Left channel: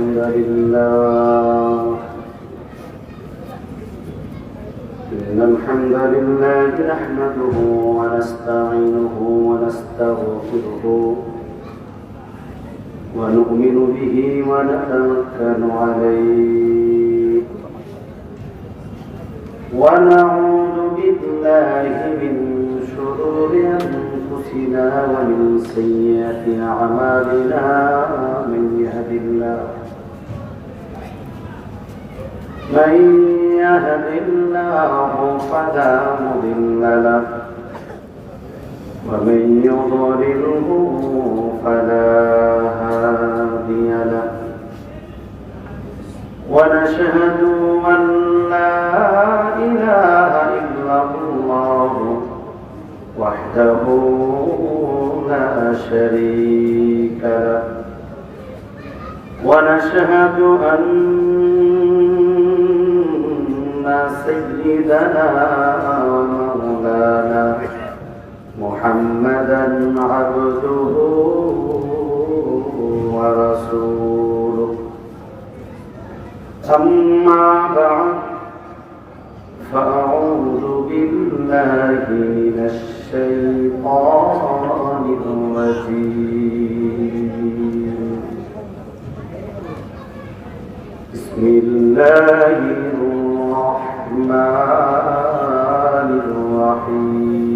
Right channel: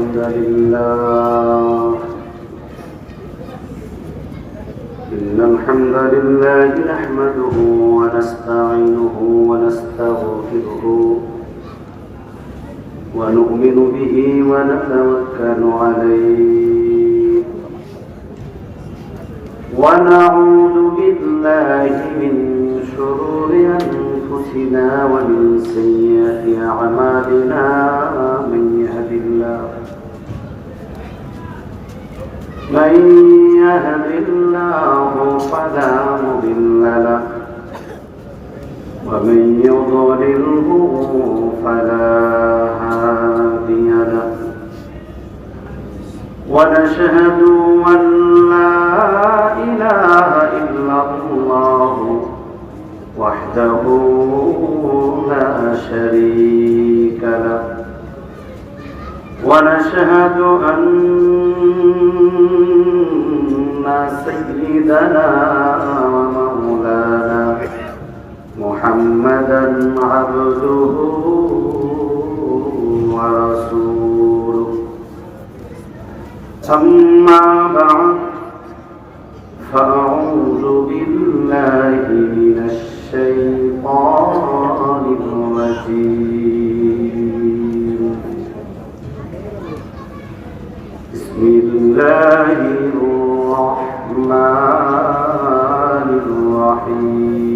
الحمد لله نحمده ونستعينه ونستغفره ونؤمن به ونتوكل عليه ونعوذ بالله من شرور أنفسنا ومن سيئات أعمالنا من يهد الله فلا مضل له ومن يضلله فلا هادي له ونشهد أن لا إله إلا الله وحده لا شريك له ونشهد أن سيدنا ومولانا محمدا عبده ورسوله أما بعد فأعوذ بالله من الشيطان الرجيم بسم الله الرحمن الرحيم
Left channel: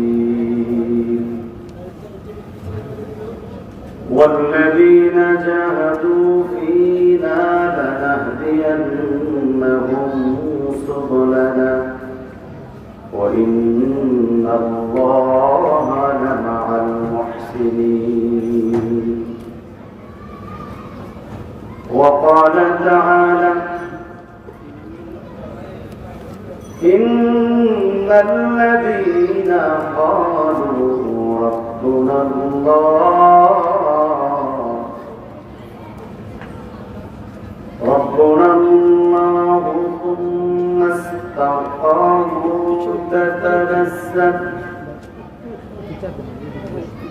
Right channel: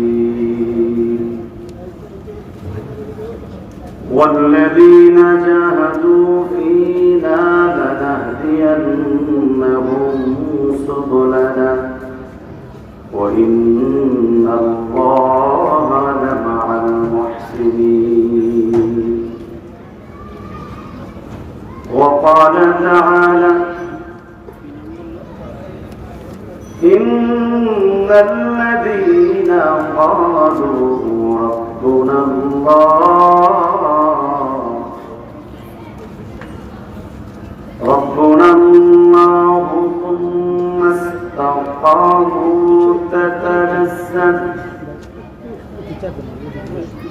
والذين جاهدوا فينا لنهدينهم سبلنا وإن الله لمع المحسنين وقال تعالى إن الذين قالوا ربنا الله ثم استقاموا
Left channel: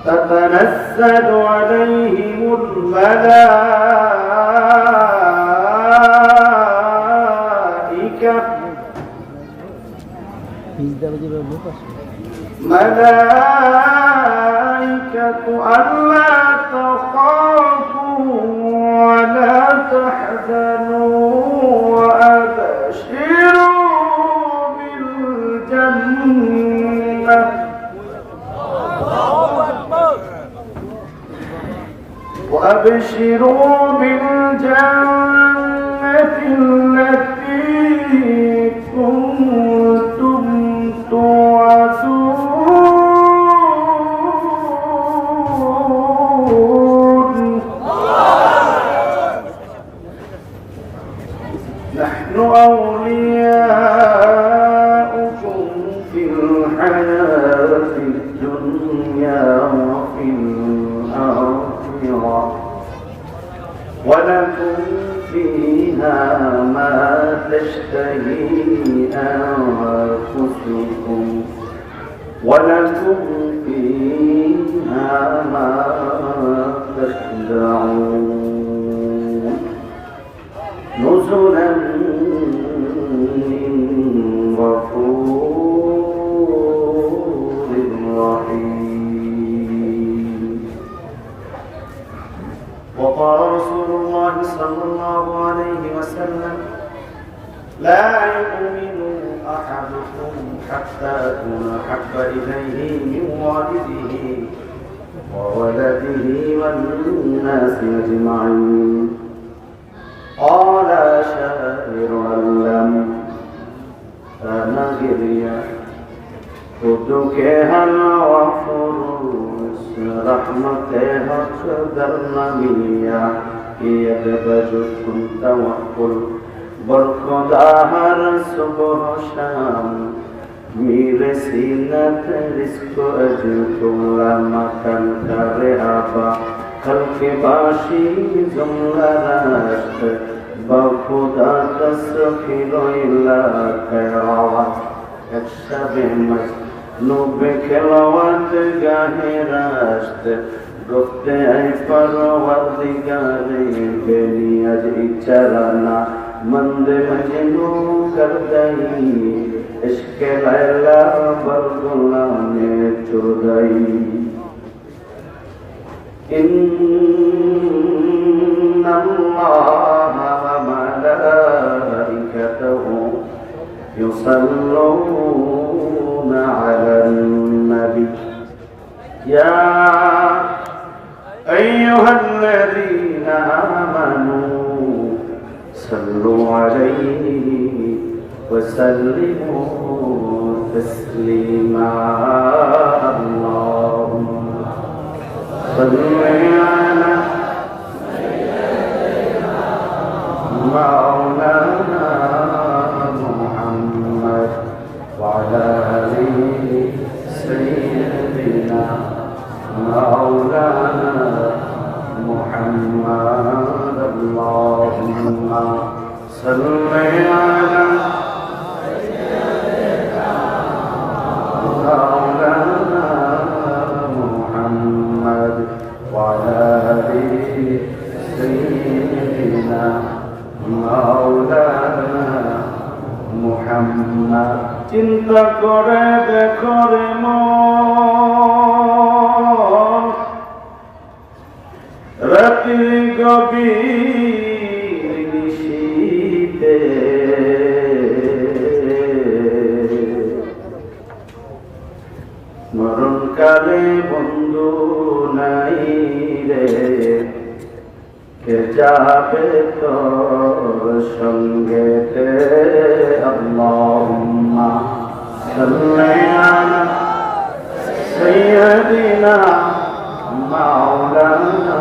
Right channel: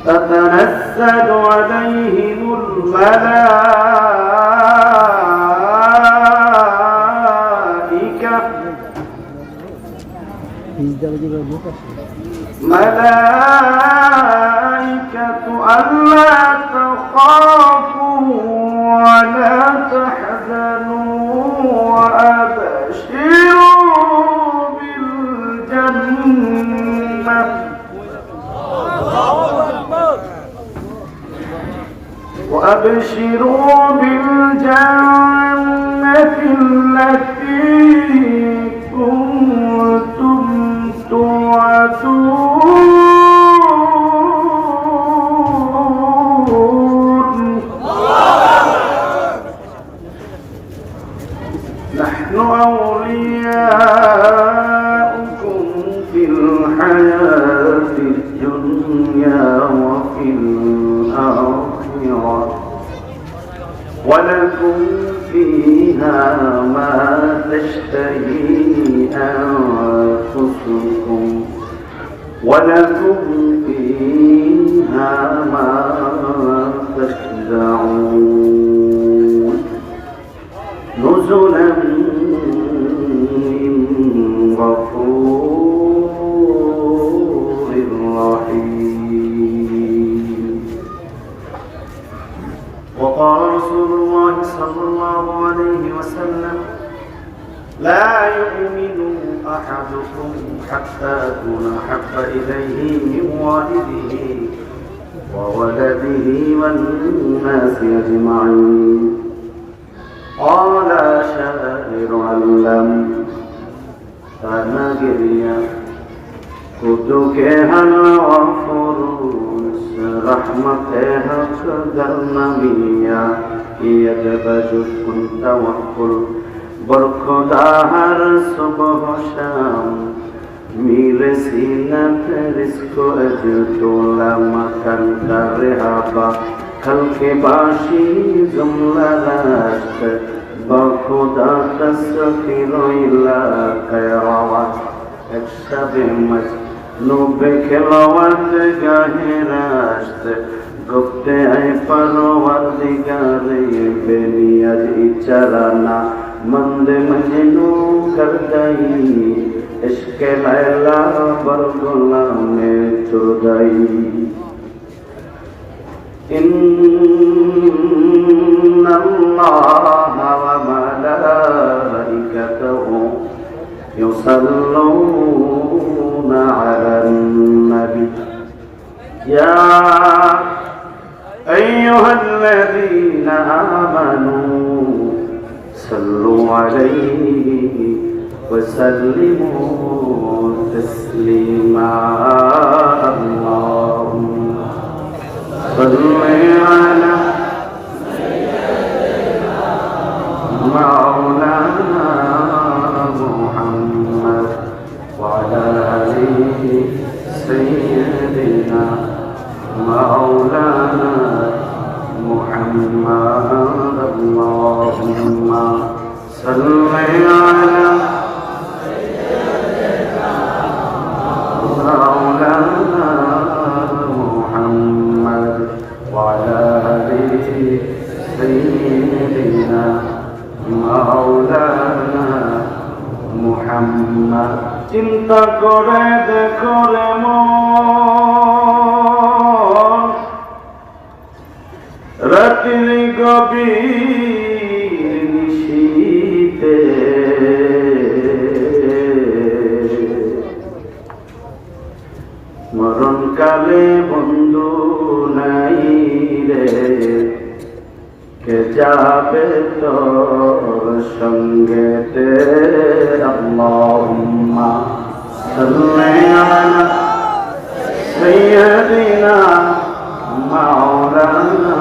تتنزل عليهم ملائكة ألا تخافوا ولا تحزنوا وأبشروا بالجنة التي كنتم توعدون نحن أولياؤكم في الحياة الدنيا وفي الآخرة ولكم فيها ما تشتهي أنفسكم ولكم فيها ما تدعون نزلا من غفور رحيم. وقال رسول الله صلى الله عليه وسلم لا يؤمن أحدكم حتى أكون أحب إليه من والده وولده والناس أجمعين. قال شاعر علم نگریا خود کے غفور رحمت حق در نمیہ ید بجد كنت وقل برخدا ہر صبح و شام میرے سینہ پہ رزق و اجر تو لمکن کا رہابا خلق باشی جملہ راشت بخدا تسخیر علاقہ روات ایک شب مجنوب کھلوات گاہ راشت گفتے اے پروردگار بے نیاز چرانا مند مجنو کر دئی عشق لیلا بر غلام تردئی ان اللہ وملائکته يصلون على النبي يا أيها الذين آمنوا صلوا عليه وسلموا تسليما اللهم صل على مولانا محمد وعلى آله سيدنا مولانا محمد اللهم صل على مولانا محمد وعلى آله سيدنا مولانا محمد চিন্তা করে দেখো রে মন রাত্রি গভীর নিশীথে মরণকালে বন্ধু নাই রে কে যাবে তোর সঙ্গেতে আল্লাহুম্মা সাল্লি আলা সাইয়্যিদিনা মাওলানা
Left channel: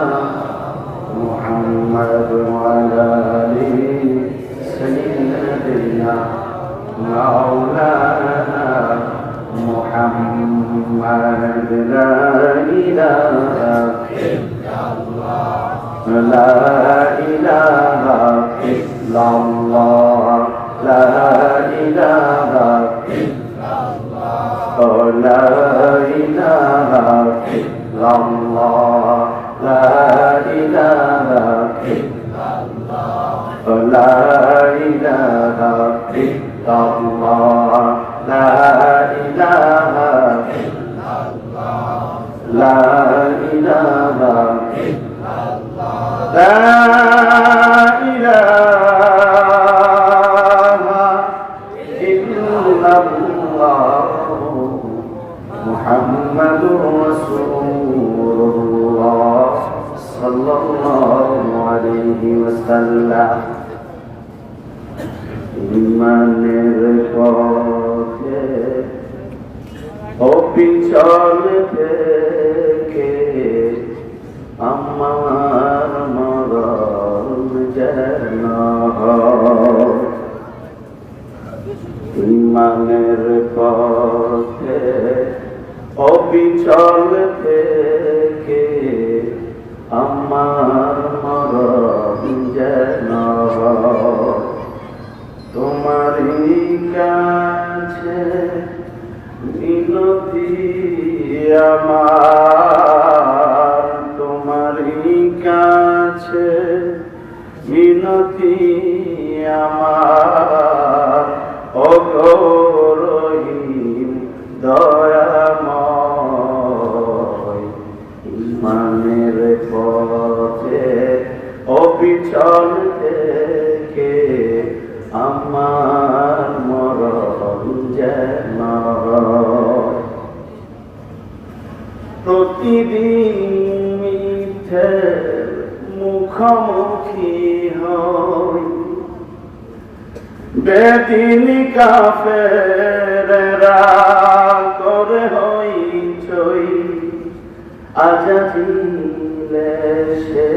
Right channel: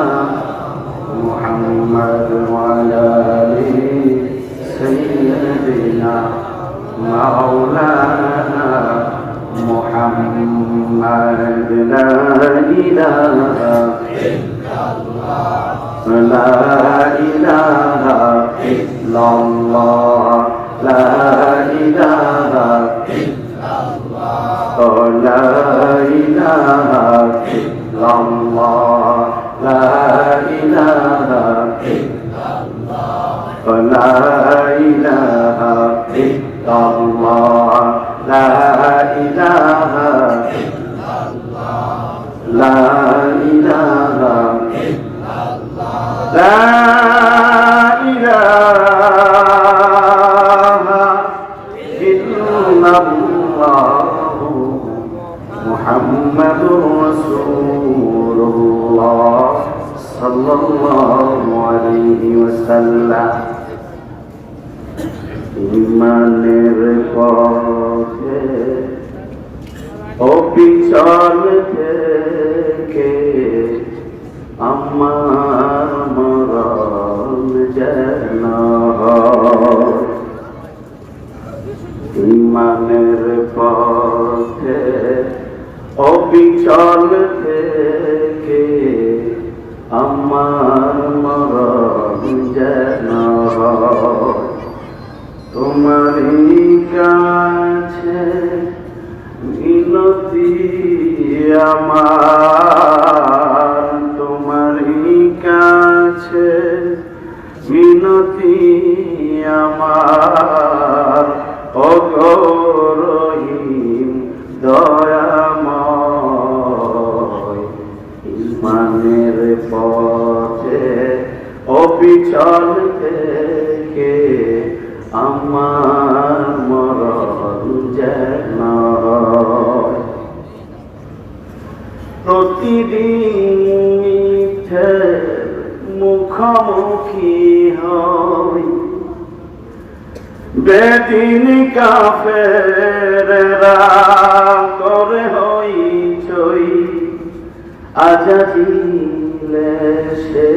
মুহাম্মদ ওয়া আলা আলি সাইয়্যিদিনা মাওলানা মুহাম্মদ লা ইলাহা لا إله إلا الله لا إله إلا الله لا إله إلا الله لا إله إلا الله لا إله إلا الله لا إله إلا الله لا إله لا إله إلا الله محمد رسول الله صلى الله عليه وسلم ইমানের পথে অবিচল থেকে আমার মরণ যেন ইমানের পথে অবিচল থেকে আমার মরণ যেন তোমারই কাছে মিনতি আমার তোমারই কাছে মিনতি আমার ওগো রহিম দয়াময় ইমানের পথে অবিচল থেকে আমার মরণ যেন প্রতিদিন মিথ্যের মুখোমুখি হই বেদিন কাফেররা করে হই চই আজাজিলে সে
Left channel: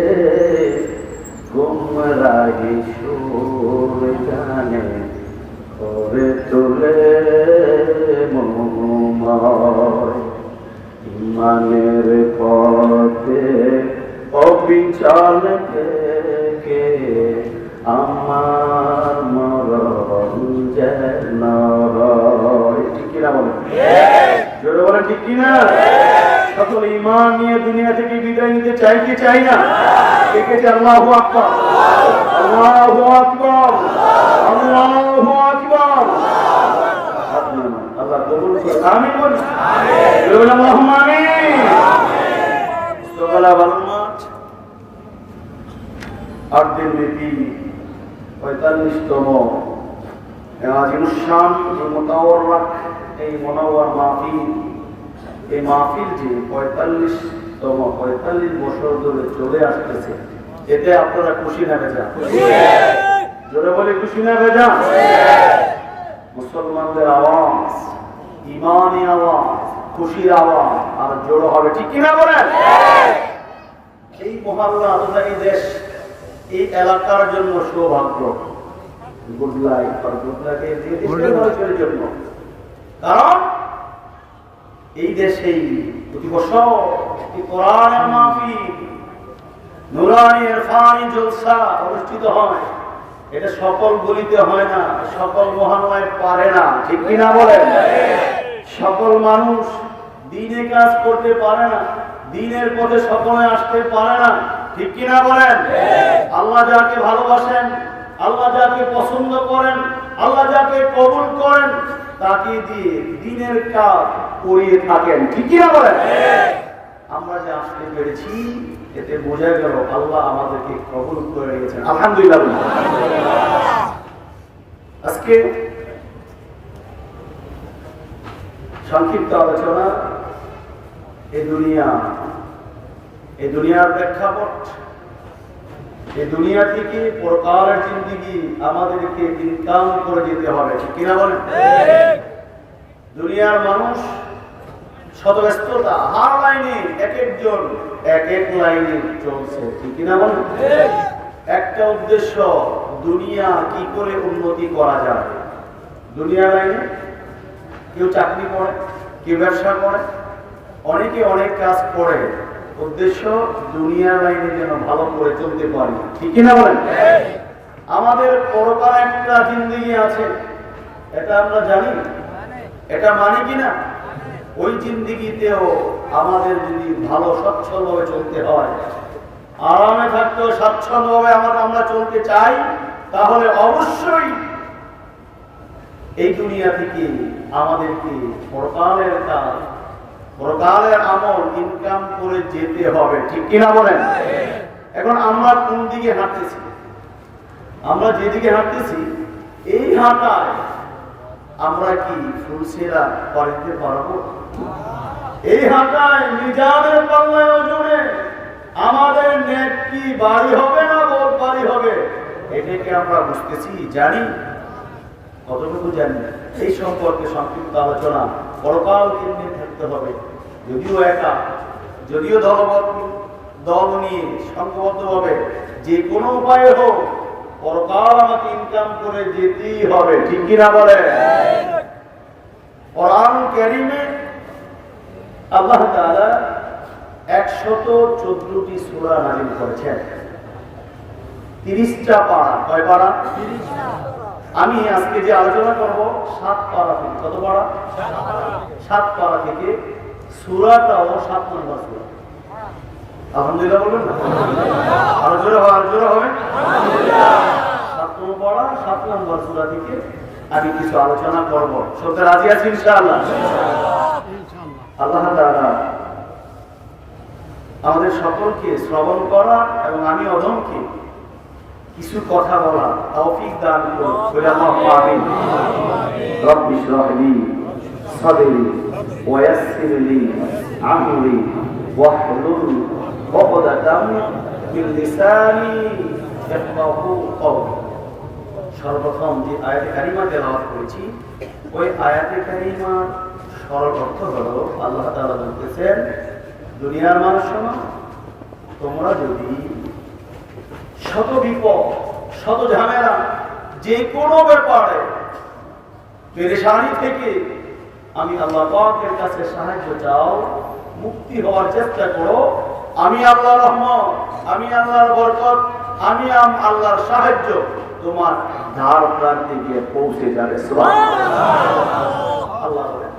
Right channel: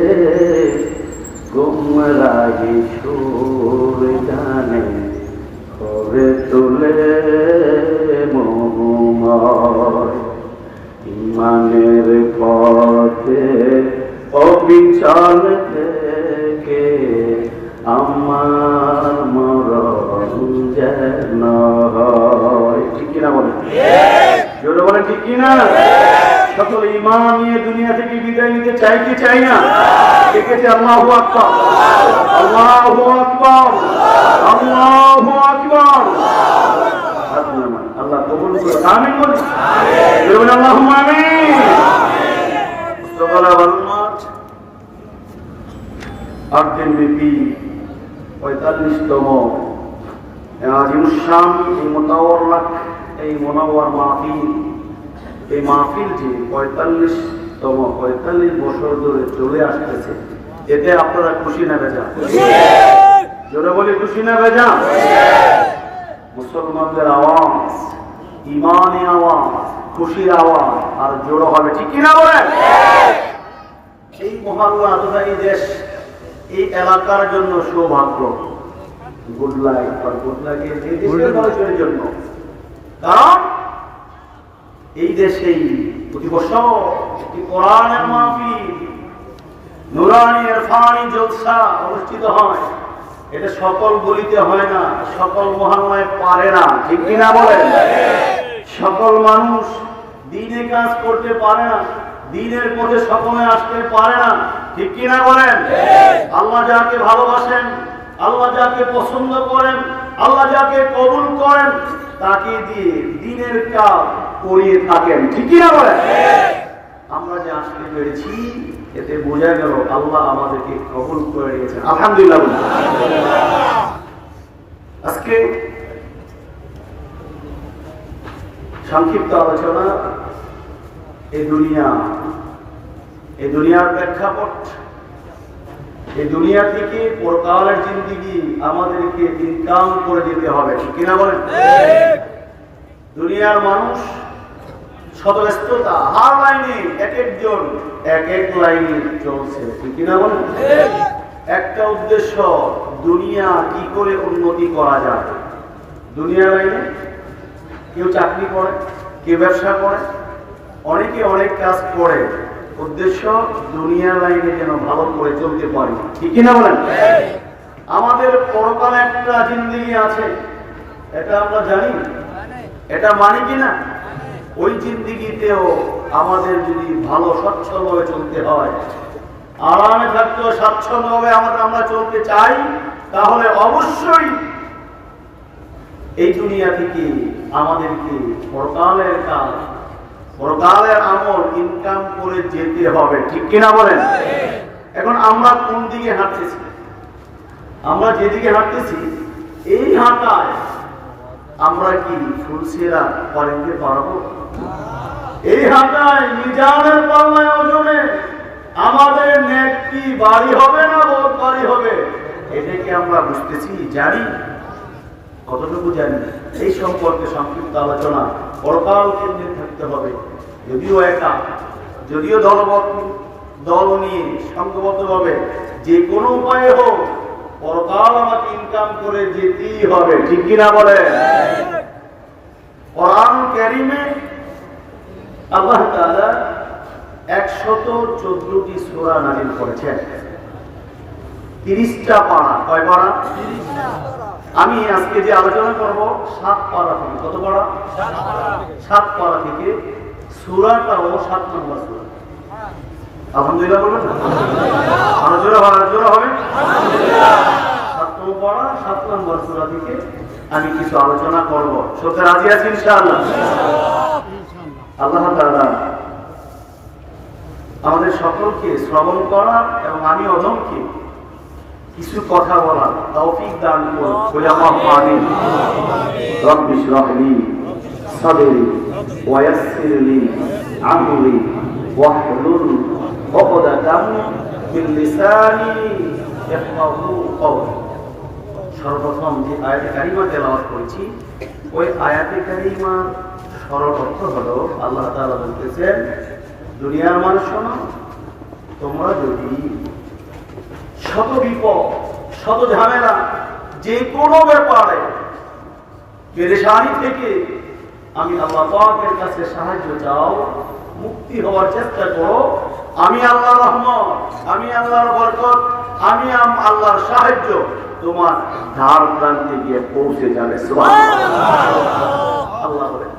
গুমরাহি সুর গানে করে তোলে মোহময় ইমানের পথে অবিচল থেকে আমার মরণ যেন হয়। ঠিক কিনা বলেন, জোরে বলেন ঠিক কিনা? সকল ঈমান নিয়ে দুনিয়া থেকে বিদায় নিতে চাই কি চাই না? দেখেছি আল্লাহু আকবার, আল্লাহু আকবার, আল্লাহু আকবার। আল্লাহ কবুল করুন, আমিন বলি। আমিন, আল্লাহুম্মা আমিন। সকালে বালমাট 8 দিন ব্যাপী 45তম আজিমুশান এই মোতাওয়াররাক এই মুনাওয়ার মাহফিল, এই মাহফিল যে 45 বছর ধরে চলে আসতেছে, এতে আপনারা খুশি না বেজান? জোরে বলি খুশি না বেজান? মুসলমানদের আওয়াজ, ইমানি আওয়াজ, খুশির আওয়াজ আর জোড়ো হবে, ঠিক কিনা বলেন? এই মহল্লা তথা এই দেশ, এই এলাকার জন্য সৌভাগ্য, গুড লাইফ আর গুড লাইফ এই দেশের মানুষের জন্য। কারণ এই দেশেই প্রতি বছর একটি কোরআনের মাহফিল, নুরানি ইরফানি জলসা অনুষ্ঠিত হয়। এটা সকল গলিতে হয় না, সকল মহল্লায় পারে না, ঠিক কিনা বলেন? সকল মানুষ দ্বীনে কাজ করতে পারে না, দ্বীনের পথে সকলে আসতে পারে না, ঠিক কিনা বলেন? আল্লাহ যাকে ভালোবাসেন, আল্লাহ যাকে পছন্দ করেন, আল্লাহ যাকে কবুল করেন, তাকে দিয়ে দ্বীনের কাজ করিয়ে থাকেন, ঠিক কিনা বলেন? আমরা যে আসতে পেরেছি এতে বোঝা গেল আল্লাহ আমাদেরকে কবুল করে নিয়েছেন, আলহামদুলিল্লাহ। আজকে সংক্ষিপ্ত আলোচনা এই দুনিয়ার প্রেক্ষাপট, এই দুনিয়া থেকে পরকালের জিন্দেগি আমাদেরকে ইনকাম করে যেতে হবে, ঠিক কিনা বলেন? দুনিয়ার মানুষ শত ব্যস্ততা, হার লাইনে এক একজন এক এক লাইনে চলছে, ঠিক কিনা বলেন? একটা উদ্দেশ্য, দুনিয়া কি করে উন্নতি করা যায়। দুনিয়া লাইনে কেউ চাকরি করে, কেউ ব্যবসা করে, অনেকে অনেক কাজ করে, উদ্দেশ্য দুনিয়ার লাইনে যেন ভালো করে চলতে পারি, ঠিক কিনা বলেন? আমাদের পরকালে একটা জিন্দেগি আছে, এটা আমরা জানি, এটা মানি কিনা? ওই জিন্দেগিতেও আমাদের যদি ভালো সচ্ছলভাবে চলতে হয়, আরামে থাকতে স্বাচ্ছন্দ্যভাবে আমরা চলতে চাই, তাহলে অবশ্যই এই দুনিয়া থেকে আমাদেরকে পরকালের কাজ, পরকালের আমল ইনকাম করে যেতে হবে, ঠিক কিনা বলেন? এখন আমরা কোন দিকে হাঁটতেছি? আমরা যেদিকে হাঁটতেছি এই হাঁটায় আমরা কি ফুলসেরা পারিতে পারবো? এই হাঁটায় মিজানের পাল্লায় ওজনে আমাদের নেক কি বাড়ি হবে না বড় বাড়ি হবে? এটাকে আমরা বুঝতেছি, জানি? কতটুকু জানি এই সম্পর্কে সংক্ষিপ্ত আলোচনা। পরকাল কেন্দ্রে থাকতে হবে, যদিও একা, যদিও দল নিয়ে সংঘবদ্ধভাবে, যে কোনো উপায়ে হোক পরকাল আমাকে ইনকাম করে যেতেই হবে, ঠিক কিনা বলে? কোরআন কারীমে আল্লাহ তাআলা 114টি সূরা নাযিল করেছেন, 30টা পারা। কয় পারা? আমি আজকে যে আলোচনা করব 7 পারা থেকে। কত পারা? 7 পারা থেকে। সূরাটাও 7 নম্বর সূরা। আলহামদুলিল্লাহ বলবেন না? আরো জোরে হবে। 7 নম্বর পারা 7 নম্বর সূরা থেকে আমি কিছু আলোচনা করব। সত্যি রাজি আছি ইনশাআল্লাহ? আল্লাহ তাআলা আমাদের সকলকে শ্রবণ করা এবং আমি অধমকে কিছু কথা বলা তৌফিক দান করুন, বলে আল্লাহুম্মা আমিন। রব্বি ইশরাহ লি সাদরি ওয়া ইয়াসসির লি আমরি ওয়াহলুল উকদাতাম মিন লিসানি ইয়াফকাহু কওলি। সর্বপ্রথম যে আয়াতে কারিমা তেলাওয়াত করেছি, ওই আয়াতে কারিমার সরল অর্থ হলো আল্লাহ তাআলা বলতেছেন, দুনিয়ার মানুষ শোনো, তোমরা যদি শত বিপদ, শত ঝামেলা, যে কোনো ব্যাপারে পেরেশানি থেকে আমি আল্লাহ পাকের কাছে সাহায্য চাও, মুক্তি হওয়ার চেষ্টা করো, আমি আল্লাহর রহমত, আমি আল্লাহর বরকত, আমি আল্লাহর সাহায্য তোমার ধার প্রান্তে গিয়ে পৌঁছে যাবে। সুবহানাল্লাহ। আল্লাহ বলেন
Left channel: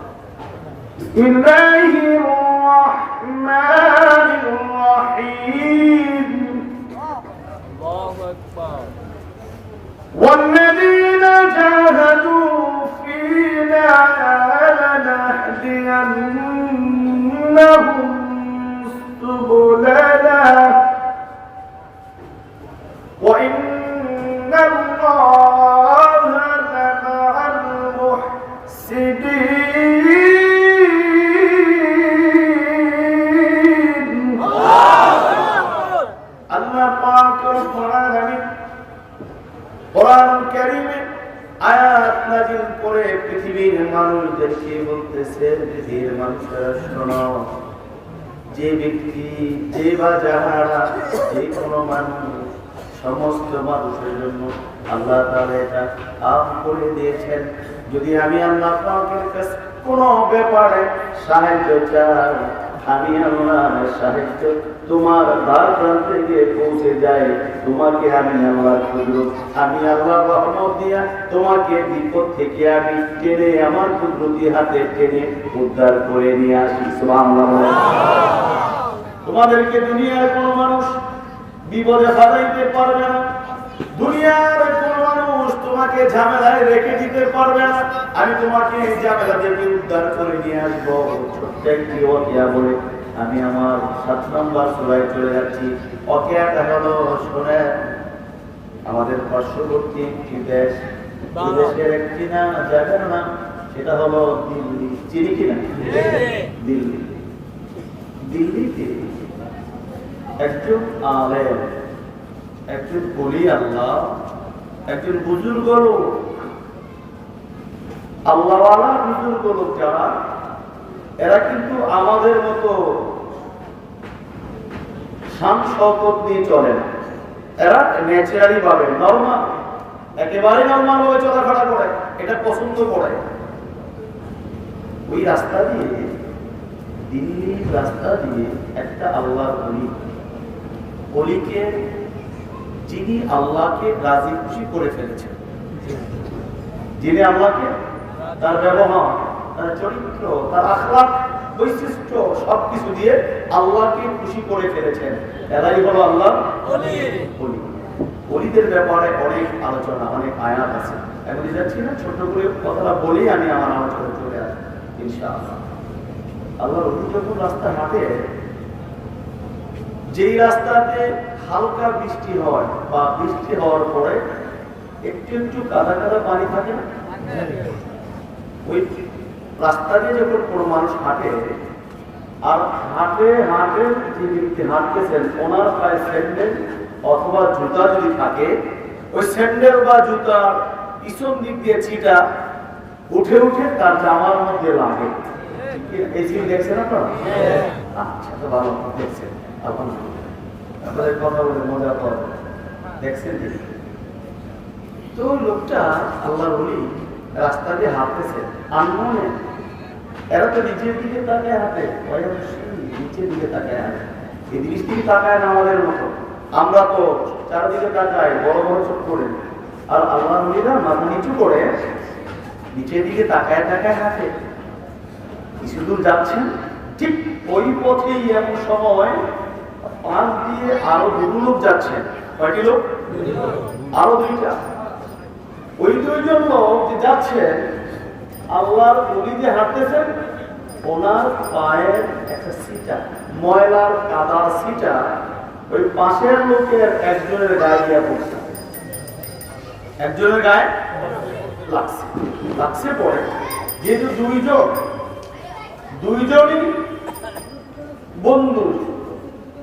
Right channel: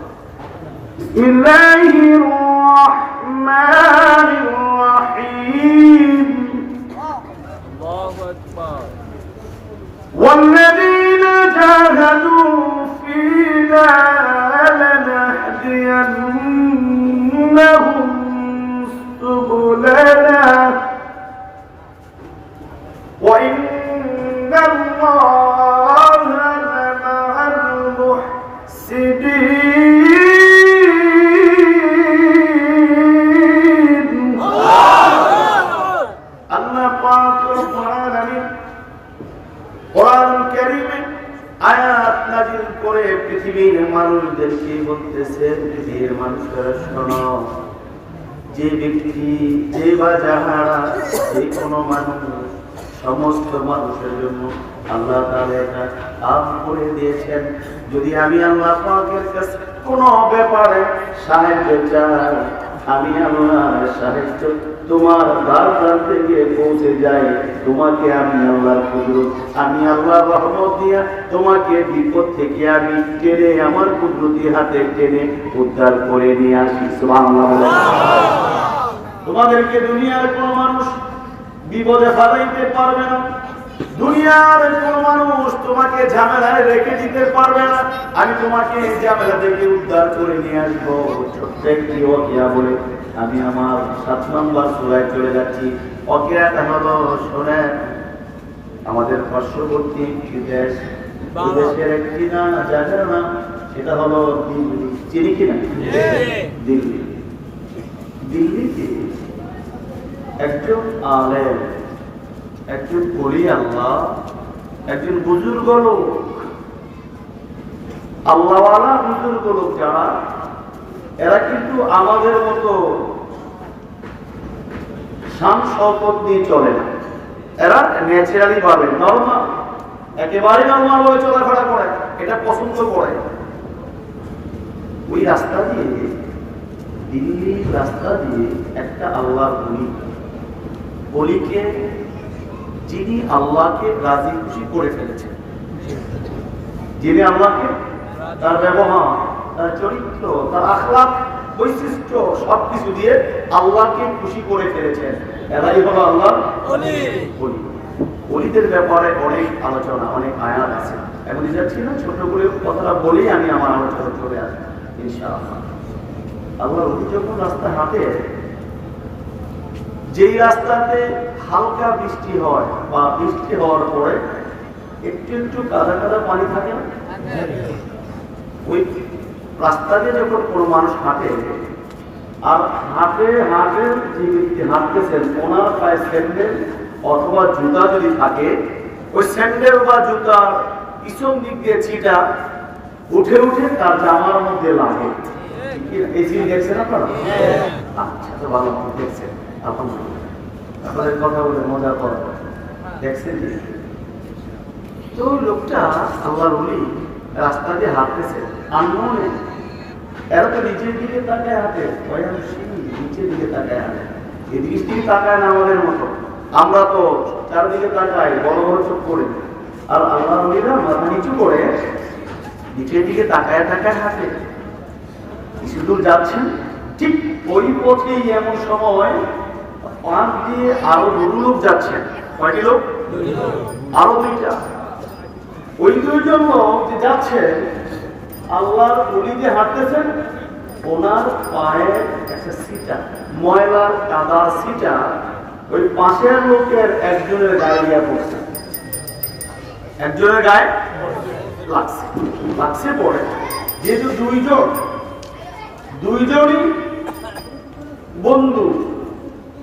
بسم الله الرحمن الرحيم الله أكبر والذين جاهدوا فينا لنهدينهم سبلنا وإن الله لمع المحسنين الله পাক রব্বুল আলামিন কোরআন কারীমে আয়াত নাযিল করে পৃথিবীর মানুষদেরকে বলতেছেন, পৃথিবীর মানুষরা শোনো, যে ব্যক্তি যে বা যাহারা যে কোনো মানুষ সমস্ত মানুষের জন্য আল্লাহ তাআলা এটা আম করে দিয়েছেন। যদি আমি আল্লাহ পাকের কাছে কোনো ব্যাপারে সাহায্য চাই, আমি আল্লাহ সাহায্য তোমার দ্বার প্রান্তে গিয়ে পৌঁছে যায়। তোমাকে আমি আল্লাহর কুদরত, আমি আল্লাহর রহমত দিয়া তোমাকে বিপদ থেকে আমি টেনে আমার কুদরতি হাতে টেনে উদ্ধার করে নিয়ে আসি। সুবহানাল্লাহ। তোমাদেরকে দুনিয়ার কোন মানুষ বিপদে ফালাইতে পারবে না, দুনিয়ার কোন মানুষ তোমাকে ঝামেলায় রেখে দিতে পারবে না। আমি তোমাকে ঝামেলা থেকে উদ্ধার করে নিয়ে আসবো। ছোট্ট একটি ওয়াকিয়া বলে আমি আমার 7 নম্বর সূরায় চলে যাচ্ছি। ওয়াকিয়াটা হলো, শোনেন, আমাদের পার্শ্ববর্তী একটি দেশ, এই দেশের একটি জায়গার নাম, সেটা হলো দিল্লি। চিনি কিনা? দিল্লি। দিল্লিতে একজন আলেম, একজন ওলি আল্লাহ, একজন বুজুর্গ লোক, আল্লাহওয়ালা বুজুর্গ লোক যারা, এরা কিন্তু আমাদের মতো শান শওকত নিয়ে চলে না। এরা ন্যাচারালি ভাবে নরমাল, একেবারে নরমাল ভাবে চলাফেরা করে, এটা পছন্দ করে। ওই রাস্তা দিয়ে, দিল্লির রাস্তা দিয়ে একটা আল্লাহর অলিকে, যিনি আল্লাহকে রাজি খুশি করে ফেলেছেন, যিনি আল্লাহকে তার ব্যবহার, তার চরিত্র, তার আখলাক, বৈশিষ্ট্য সবকিছু দিয়ে আল্লাহকে খুশি করে ফেলেছেন, এরাই হলো আল্লাহর ওলি। ওলিদের ব্যাপারে অনেক আলোচনা, অনেক আয়াত আছে। এখন যাচ্ছি না, ছোট করে কথাটা বলেই আমি আমার আলোচনা চলে আসবো ইনশাআল্লাহ। আল্লাহর ওলি যখন রাস্তা হাঁটে, যেই রাস্তাতে হালকা বৃষ্টি হয় বা বৃষ্টি হওয়ার পরে একটু একটু কাদা কাদা পানি থাকে না, ওই রাস্তা দিয়ে যখন কোনো মানুষ হাঁটে, আর হাঁটে হাঁটে যে ব্যক্তি হাঁটতেছেন, ওনার পায়ে স্যান্ডেল অথবা জুতা যদি থাকে, ওই স্যান্ডেল বা জুতার পিছন দিক দিয়ে ছিটা উঠে উঠে তার জামার মধ্যে লাগে। এই জিনিস দেখছেন আপনারা? আচ্ছা, তো ভালো দেখছেন। আপনাদের কথা বলে মজা করে দেখছেন যে, তো লোকটা আল্লাহর ওলি রাস্তা দিয়ে হাঁটতেছে, আনমনে। এরা তো নিচের দিকে তাকায় হাঁটে, নিচের দিকে তাকায় হাঁটে, এদিকে দিকে তাকায় না আমাদের মতো। আমরা তো চারদিকে তাকাই, বড় বড় চোখ করে, আর আল্লাহর ওলিরা মাথা নিচু করে নিচের দিকে তাকায় তাকায় হাঁটে। কিছু দূর যাচ্ছেন, ঠিক ওই পথেই এমন সময় পাশ দিয়ে আরো 2 লোক যাচ্ছেন। কয়টি লোক? আরো 2টা। ওই 2জন লোক যে যাচ্ছেন, আল্লাহর ওলি যে হাঁটতেছেন, ওনার পায়ের একটা সিটা, ময়লার কাদা সিটা ওই পাশের লোকের একজনের গায়ে গিয়ে পড়ছে, একজনের গায়ে লাগছে পরে। যেহেতু 2জনই বন্ধু,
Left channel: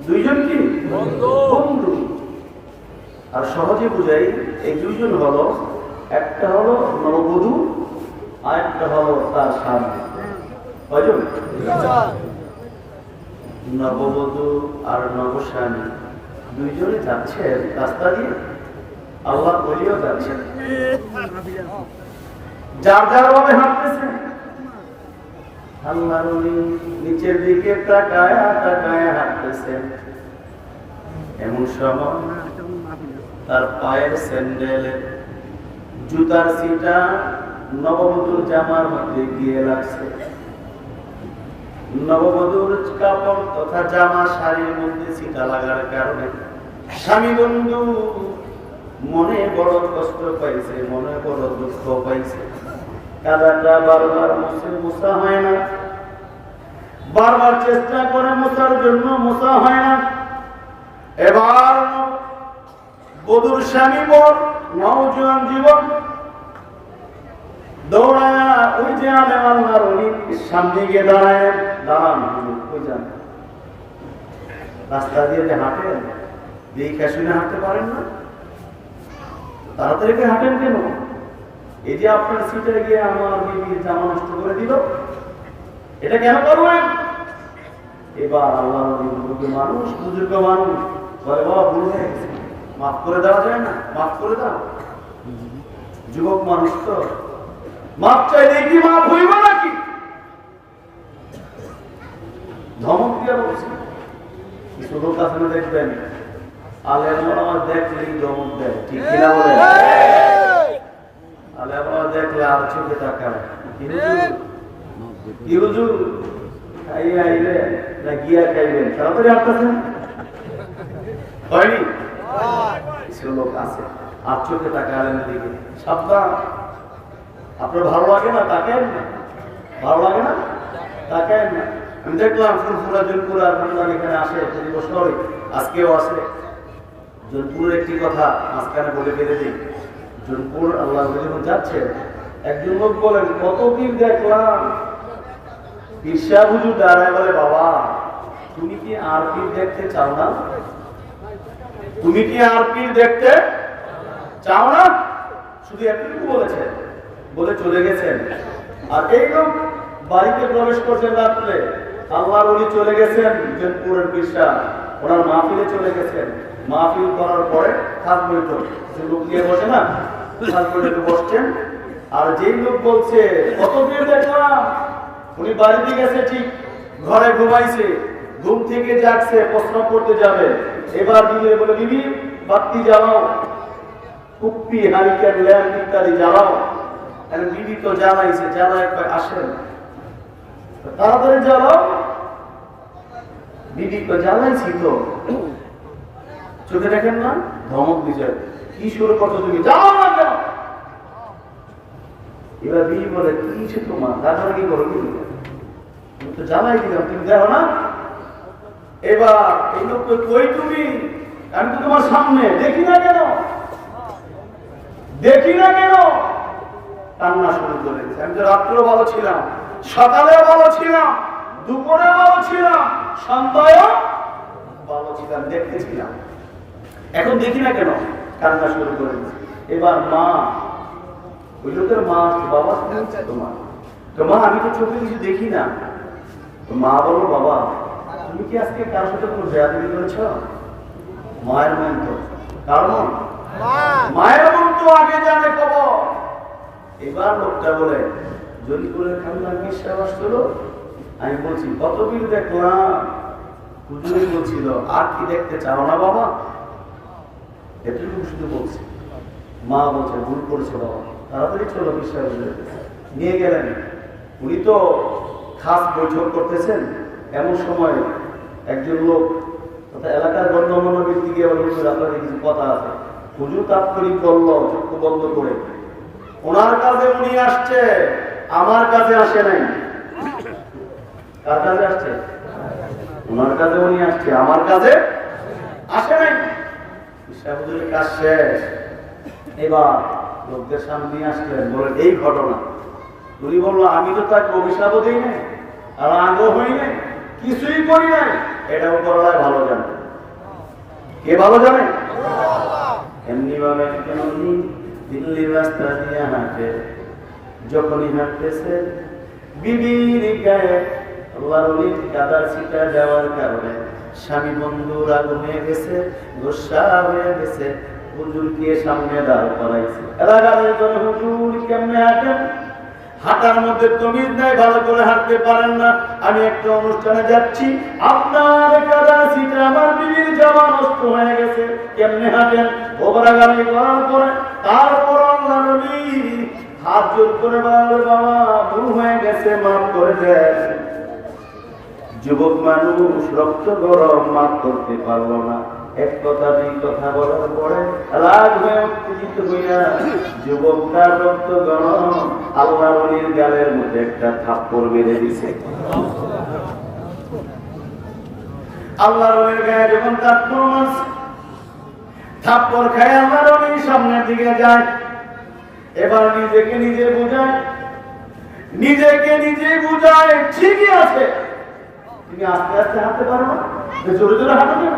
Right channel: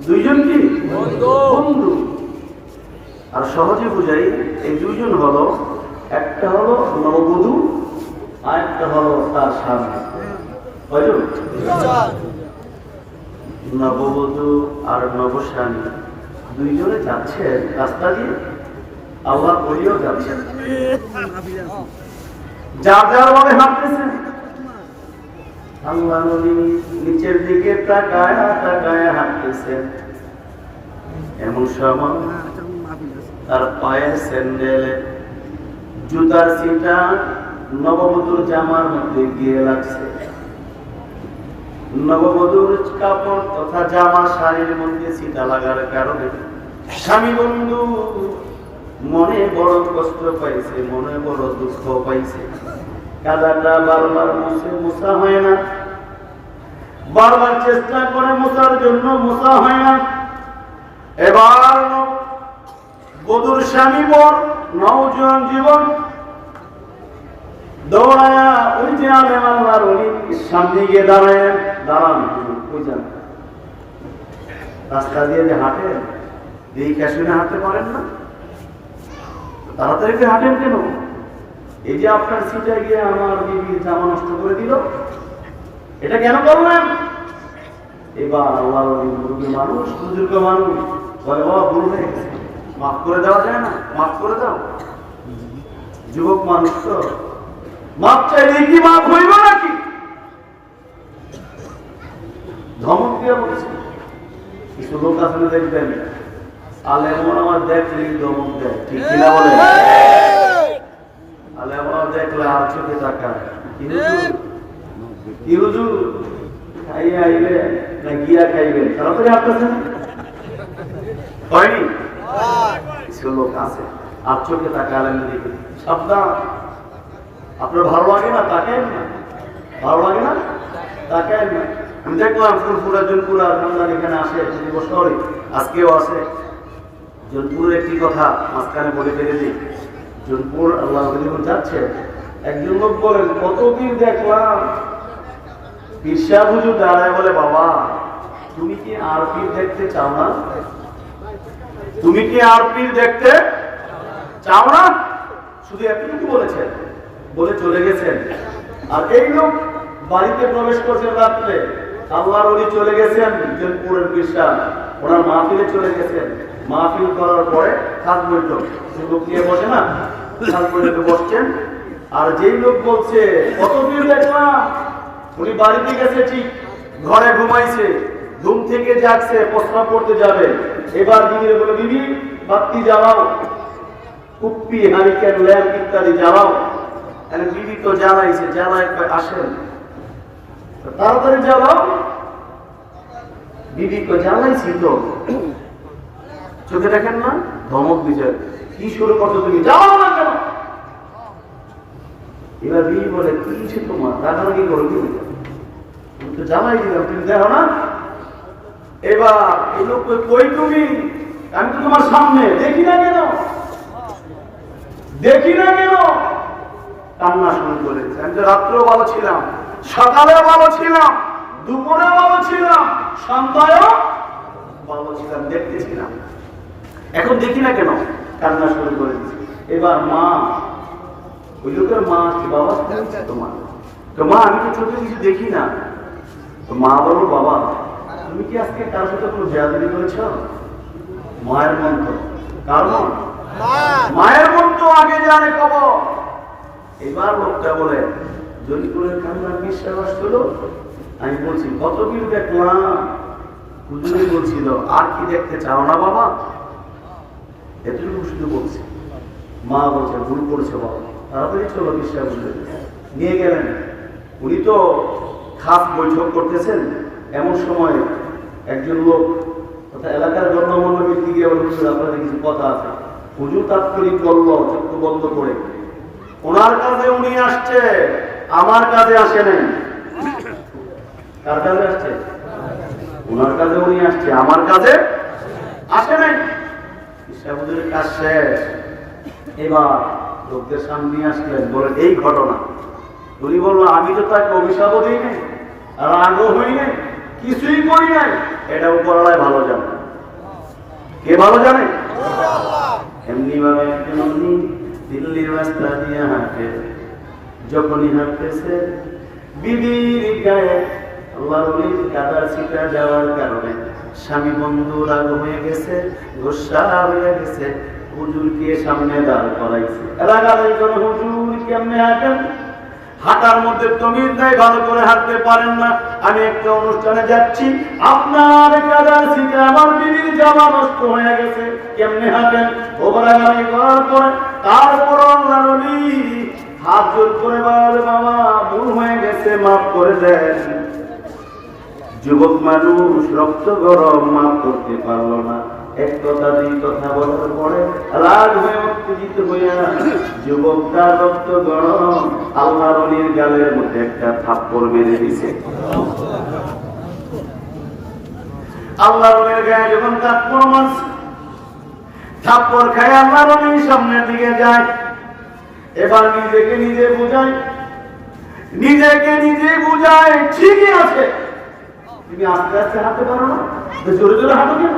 2জন কি বন্ধু, আর সহজে বুঝাই, এই 2জন হলো, একটা হলো নববধূ আর একটা হলো তার স্বামী। নববধূ আর নবস্বামী 2জনে যাচ্ছেন রাস্তা দিয়ে, আল্লাহ ওলিও যাচ্ছেন, যার যার ভাবে হাঁটতেছেন। আল্লাহ নবী নিচের দিকে তাকায় তাকায় হাঁটতেছেন। এমন সময় তার পায়ের স্যান্ডেলে জুতার সিটা নববধূর জামার মধ্যে গিয়ে লাগছে। নববধূর কাপড় তথা জামা শাড়ির মধ্যে ছিটা লাগার কারণে স্বামী বন্ধু মনে বড় কষ্ট পাইছে, মনে বড় দুঃখ পাইছে। কাদাটা বারবার মোছা হয় না, বারবার চেষ্টা করে মোছার জন্য মোছা হয় না। এবার বধূর স্বামী বর নওজোয়ান জীবন দৌড়ায়া ওই যে আলেম আল্লাহর ওলি সামনে গিয়ে দাঁড়ান ওই যান রাস্তা দিয়ে যে হাঁটেন দেখে শুনে হাঁটতে পারেন না, তাড়াতাড়ি হাঁটেন কেন? এই যে আপনার সিটে গিয়ে আমার বিবির জামা নষ্ট করে দিল, এটা কেন করলেন? এবার আল্লাহ মুরব্বী মানুষ, বুজুর্গ মানুষ বলে বাবা ভুল হয়ে গেছে, মাফ করে দেওয়া যায় না? মাফ করে দাও। যুবক মানুষ তো মাপ চাইলে কি মাপ হইব নাকি? ধমক দিয়ে বলছে। কিছু লোক আসলে দেখবেন আলেম আমার দেখলেই ধমক দেয়, ঠিক কিনা বলে? আলেম দেখলে আর চোখে তাকায়, কি হুজুর খাইয়া আইলে না গিয়া খাইবেন, তাড়াতাড়ি আসতেছেন হয়নি? কিছু লোক আছে আর চোখে তাকায় আলেমের দিকে, সাবধান। আপনার ভালো লাগে না তাকায়েন না, ভালো লাগে না তাকায়েন না। আমি দেখলাম ফুরফুরা জনপুরা আপনার এখানে আসে প্রতি বছর, আজকেও আসে। জনপুরের একটি কথা মাঝখানে বলে ফেলে দিই। জনপুর আল্লাহ যখন যাচ্ছে, একজন লোক বলেন কত পীর দেখলাম, পীর সাহেব হুজুর দাঁড়ায় বলে বাবা তুমি কি আর পীর দেখতে চাও না? তুমি কি আর পীর দেখতে চাও না? শুধু এতটুকু বলেছেন, বলে চলে গেছেন। আর এই লোক বাড়িতে প্রবেশ করছেন রাত্রে, আল্লাহর ওলি চলে গেছেন জনপুরের পীর সাহেব, ওনার মাহফিলে চলে গেছেন। মাহফিল করার পরে খাস বৈঠক, সে লোক নিয়ে বসে না, খাস বৈঠকে বসছেন। আর যেই লোক বলছে কত পীর দেখলাম, উনি বাড়িতে গেছে ঠিক, ঘরে ঘুমাইছে, ঘুম থেকে জাগছে, প্রস্রাব করতে যাবে। এবার দিনে বলে বিবি বাতি জ্বালাও, কুপ্পি হারিকেন ল্যাম্প ইত্যাদি জ্বালাও। বিবি তো জ্বালাইছে, জ্বালায় আসেন তাড়াতাড়ি জ্বালাও। বিবি তো জ্বালাইছি তো, চোখে দেখেন না? ধমক দিচ্ছে, কি শুরু করছো তুমি, যাও না কেন? এবার বিবি বলে কি তোমার রাগারাগি করো কি, তুমি তো জ্বালাই দিলাম, তুমি দেখো না? এবার এই লোক কই তুমি, আমি তো তোমার সামনে, দেখি না কেন, দেখি না কেন? কান্না শুরু করেছে। আমি তো রাত্রেও ভালো ছিলাম, সকালেও ভালো ছিলাম, দুপুরে ভালো ছিলাম, সন্ধ্যায়ও ভালো ছিলাম, দেখতেছিলাম, এখন দেখি না কেন? কান্না শুরু করেছে। এবার মা, ওই লোকের মা, বাবা তোমার তো মা, আমি তো চোখে কিছু দেখি না। তো মা বলো বাবা তুমি কি আজকে কার সাথে কোনো বেয়াদবি করেছ? মায়ের মন তো, কার মন? মায়ের মন তো আগে জানে খবর। এবার লোকটা বলে জলিপুরের খান্দার বিশ্বাস আসছিল, আমি বলছি কত পীর দেখলাম, হুজুরে বলছিল আর কি দেখতে চাও না বাবা? এতটুকু শুধু বলছে। মা বলছে ভুল করছে বাবা, তাড়াতাড়ি চলো বিশ্বাস নিয়ে গেলেন। উনি তো খাস বৈঠক করতেছেন, এমন সময় একজন লোক এলাকার গণ্যমান্য ব্যক্তি গিয়ে আপনাদের কিছু কথা আছে। হুজুর তাৎক্ষণিক বলল চক্ষু বন্ধ করে, ওনার কাছে উনি আসছে, আমার কাছে আসে নাই। কার কাছে আসছে? ওনার কাছে উনি আসছে, আমার কাছে আসে নাই। হুজুরের কাজ শেষ। এবার লোকদের সামনে আসলেন, বলে এই ঘটনা। উনি বললো আমি তো তাকে অভিশাপও দিই নাই, আর রাগও হই নাই, কিছুই করি নাই। এটা উপরওয়ালাই ভালো জানে। কে ভালো জানে? এমনি ভাবে দিল্লির রাস্তা দিয়ে হাঁটে, যখনই হাঁটতেছে বিবির গায়ে আল্লাহর ওলির কাদার ছিটা দেওয়ার কারণে স্বামী বন্ধু রাগ হয়ে গেছে, গোসা হয়ে গেছে। হুজুরকে সামনে দাঁড় করাইছে। এলাকার একজন হুজুর কেমনে হাঁটেন, হাঁটার মধ্যে তমিজ নাই, ভালো করে হাঁটতে পারেন না। আমি একটা অনুষ্ঠানে যাচ্ছি, আপনার কাদা ছিটে আমার বিবির জামা নষ্ট হয়ে গেছে, কেমনে হাঁটেন? ওবরাগামি করার পরে তারপর আল্লাহর ওলি হাত জোর করে বলে বাবা ভুল হয়ে গেছে, মাফ করে দেন। যুবক মানুষ রক্ত গরম মাপ করতে পারলো না, এক কথা দুই কথা বলার পরে রাগ হয়ে উত্তেজিত হইয়া যুবক তার রক্ত গরম আল্লাহর ওলির গালের মধ্যে একটা থাপ্পড় মেরে দিছে। আল্লাহর ওলির গায়ে যখন থাপ্পড় মারছে, থাপ্পড় খায় আল্লাহর ওলির সামনের দিকে যায়। এবার নিজেকে নিজে বুঝায়, ঠিকই আছে, তুমি আস্তে আস্তে হাঁটতে পারো না, জোরে জোরে হাঁটো কেন?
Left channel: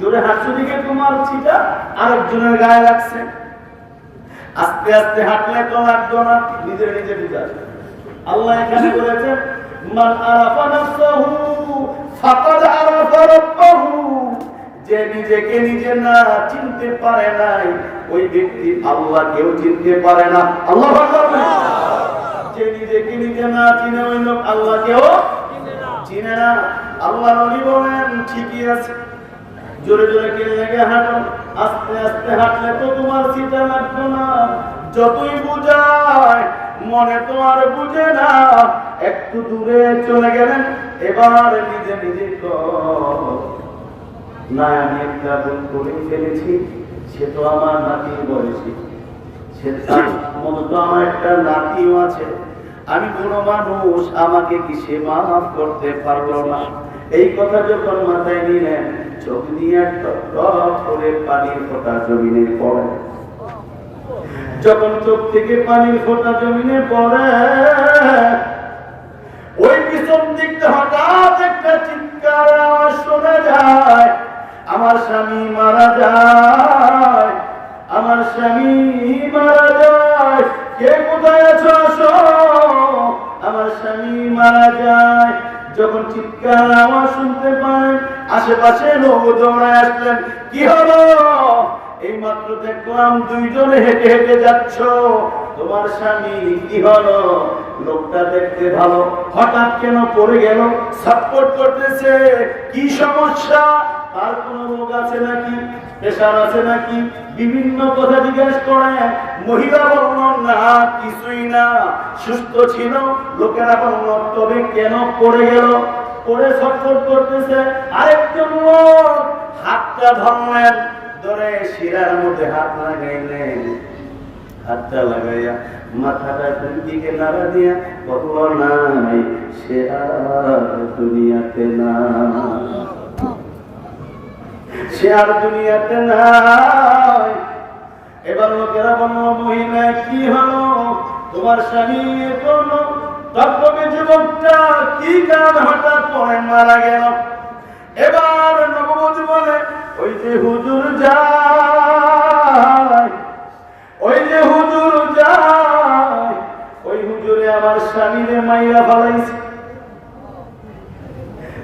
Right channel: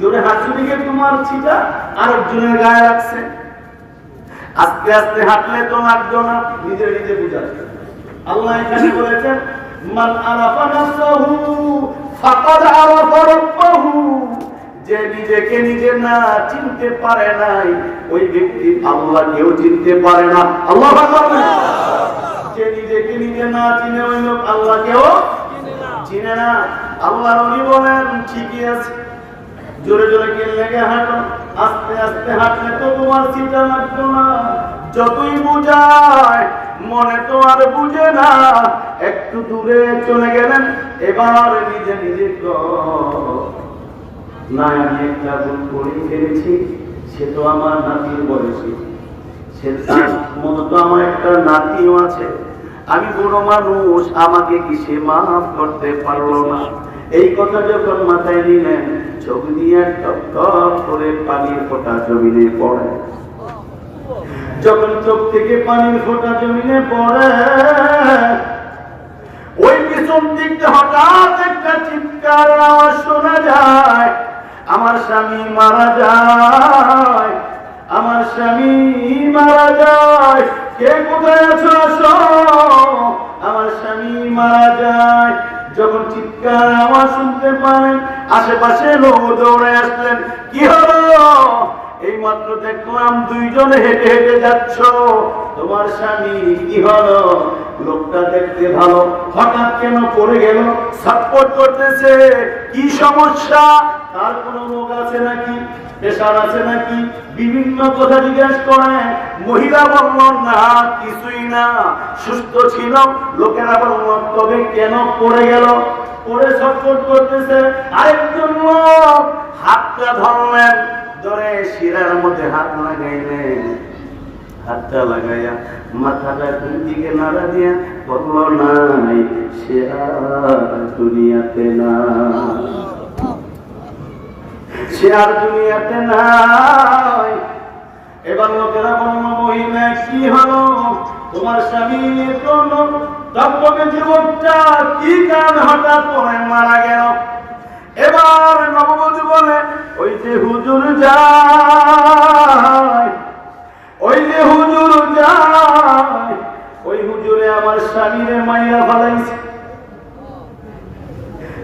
জোরে হাঁটছো দিকে তোমার ছিটা আরেকজনের গায়ে লাগছে। আস্তে আস্তে হাঁটলে তো লাগতো না, নিজে নিজে বুঝায়। আল্লাহ এখানে বলেছেন মান আরাফা নাফসাহু ফাকাদ আরাফা রাব্বাহু, যে নিজেকে নিজে না চিনতে পারে নাই ওই ব্যক্তি আল্লাহকেও চিনতে পারে না। আল্লাহু আকবার। যে নিজেকে নিজে না চিনে ওই লোক আল্লাহকেও চিনে না। আল্লাহ নবী বলেন ঠিকই আছে, জোরে জোরে কে লেগে হাঁটো, আস্তে আস্তে হাঁটলে তো তোমার চিন্তা লাগতো না। যতই বুঝায় মনে তো আর বুঝে না। একটু দূরে চলে গেলেন, এবার নিজে নিজে না আমি একটা ভুল করে ফেলেছি, সে তো আমার নাতির বয়সী, সে মনে তো আমার একটা নাতিও আছে, আমি বড় মানুষ, আমাকে কি সে মাফ করতে পারলো না? এই কথা যখন মাথায় নিলেন, চোখ দিয়ে টপ টপ করে পানির ফোঁটা জমিনে পড়ে। যখন চোখ থেকে পানির ফোঁটা জমিনে পড়ে, ওই পিছন দিকটা হঠাৎ একটা চিৎকার আওয়াজ শোনা যায়, আমার স্বামী মারা যায়, আমার স্বামী মারা যায়, কে কোথায় আছো আসো, আমার স্বামী মারা যায়। যখন চিৎকার আওয়াজ শুনতে পারেন, আশেপাশে লোক দৌড়ে আসলেন। কি হলো? এই মাত্র দেখলাম দুইজনে হেঁটে হেঁটে যাচ্ছ, তোমার স্বামী কি হলো? লোকটা দেখতে ভালো, হঠাৎ কেন পড়ে গেল? ছটফট করতেছে, কি সমস্যা? তার কোনো রোগ আছে নাকি, প্রেশার আছে নাকি, বিভিন্ন কথা জিজ্ঞাসা করে। মহিলা বলল না, কিছুই না, সুস্থ ছিল। লোকেরা বলল তবে কেন পড়ে গেল? পড়ে ছটফট করতেছে। আরেকজন লোক হাতটা ধরলেন, ধরে শিরার মধ্যে হাত লাগাইলেন, হাতটা লাগাইয়া মাথাটা দুই দিকে নাড়া দিয়া বলল নাই, সে আর দুনিয়াতে না, সে আর দুনিয়াতে নাই। এবার লোকেরা বলল মহিলা কি হলো, তোমার স্বামী কোন তত্ত্বকে যুবকটা কি কারণ হঠাৎ পরে মারা গেল? এবার নববধূ বলে ওই যে হুজুর যায়, ওই যে হুজুর যায়, ওই হুজুরে আমার স্বামীরে মাইরা ফেলাইছে।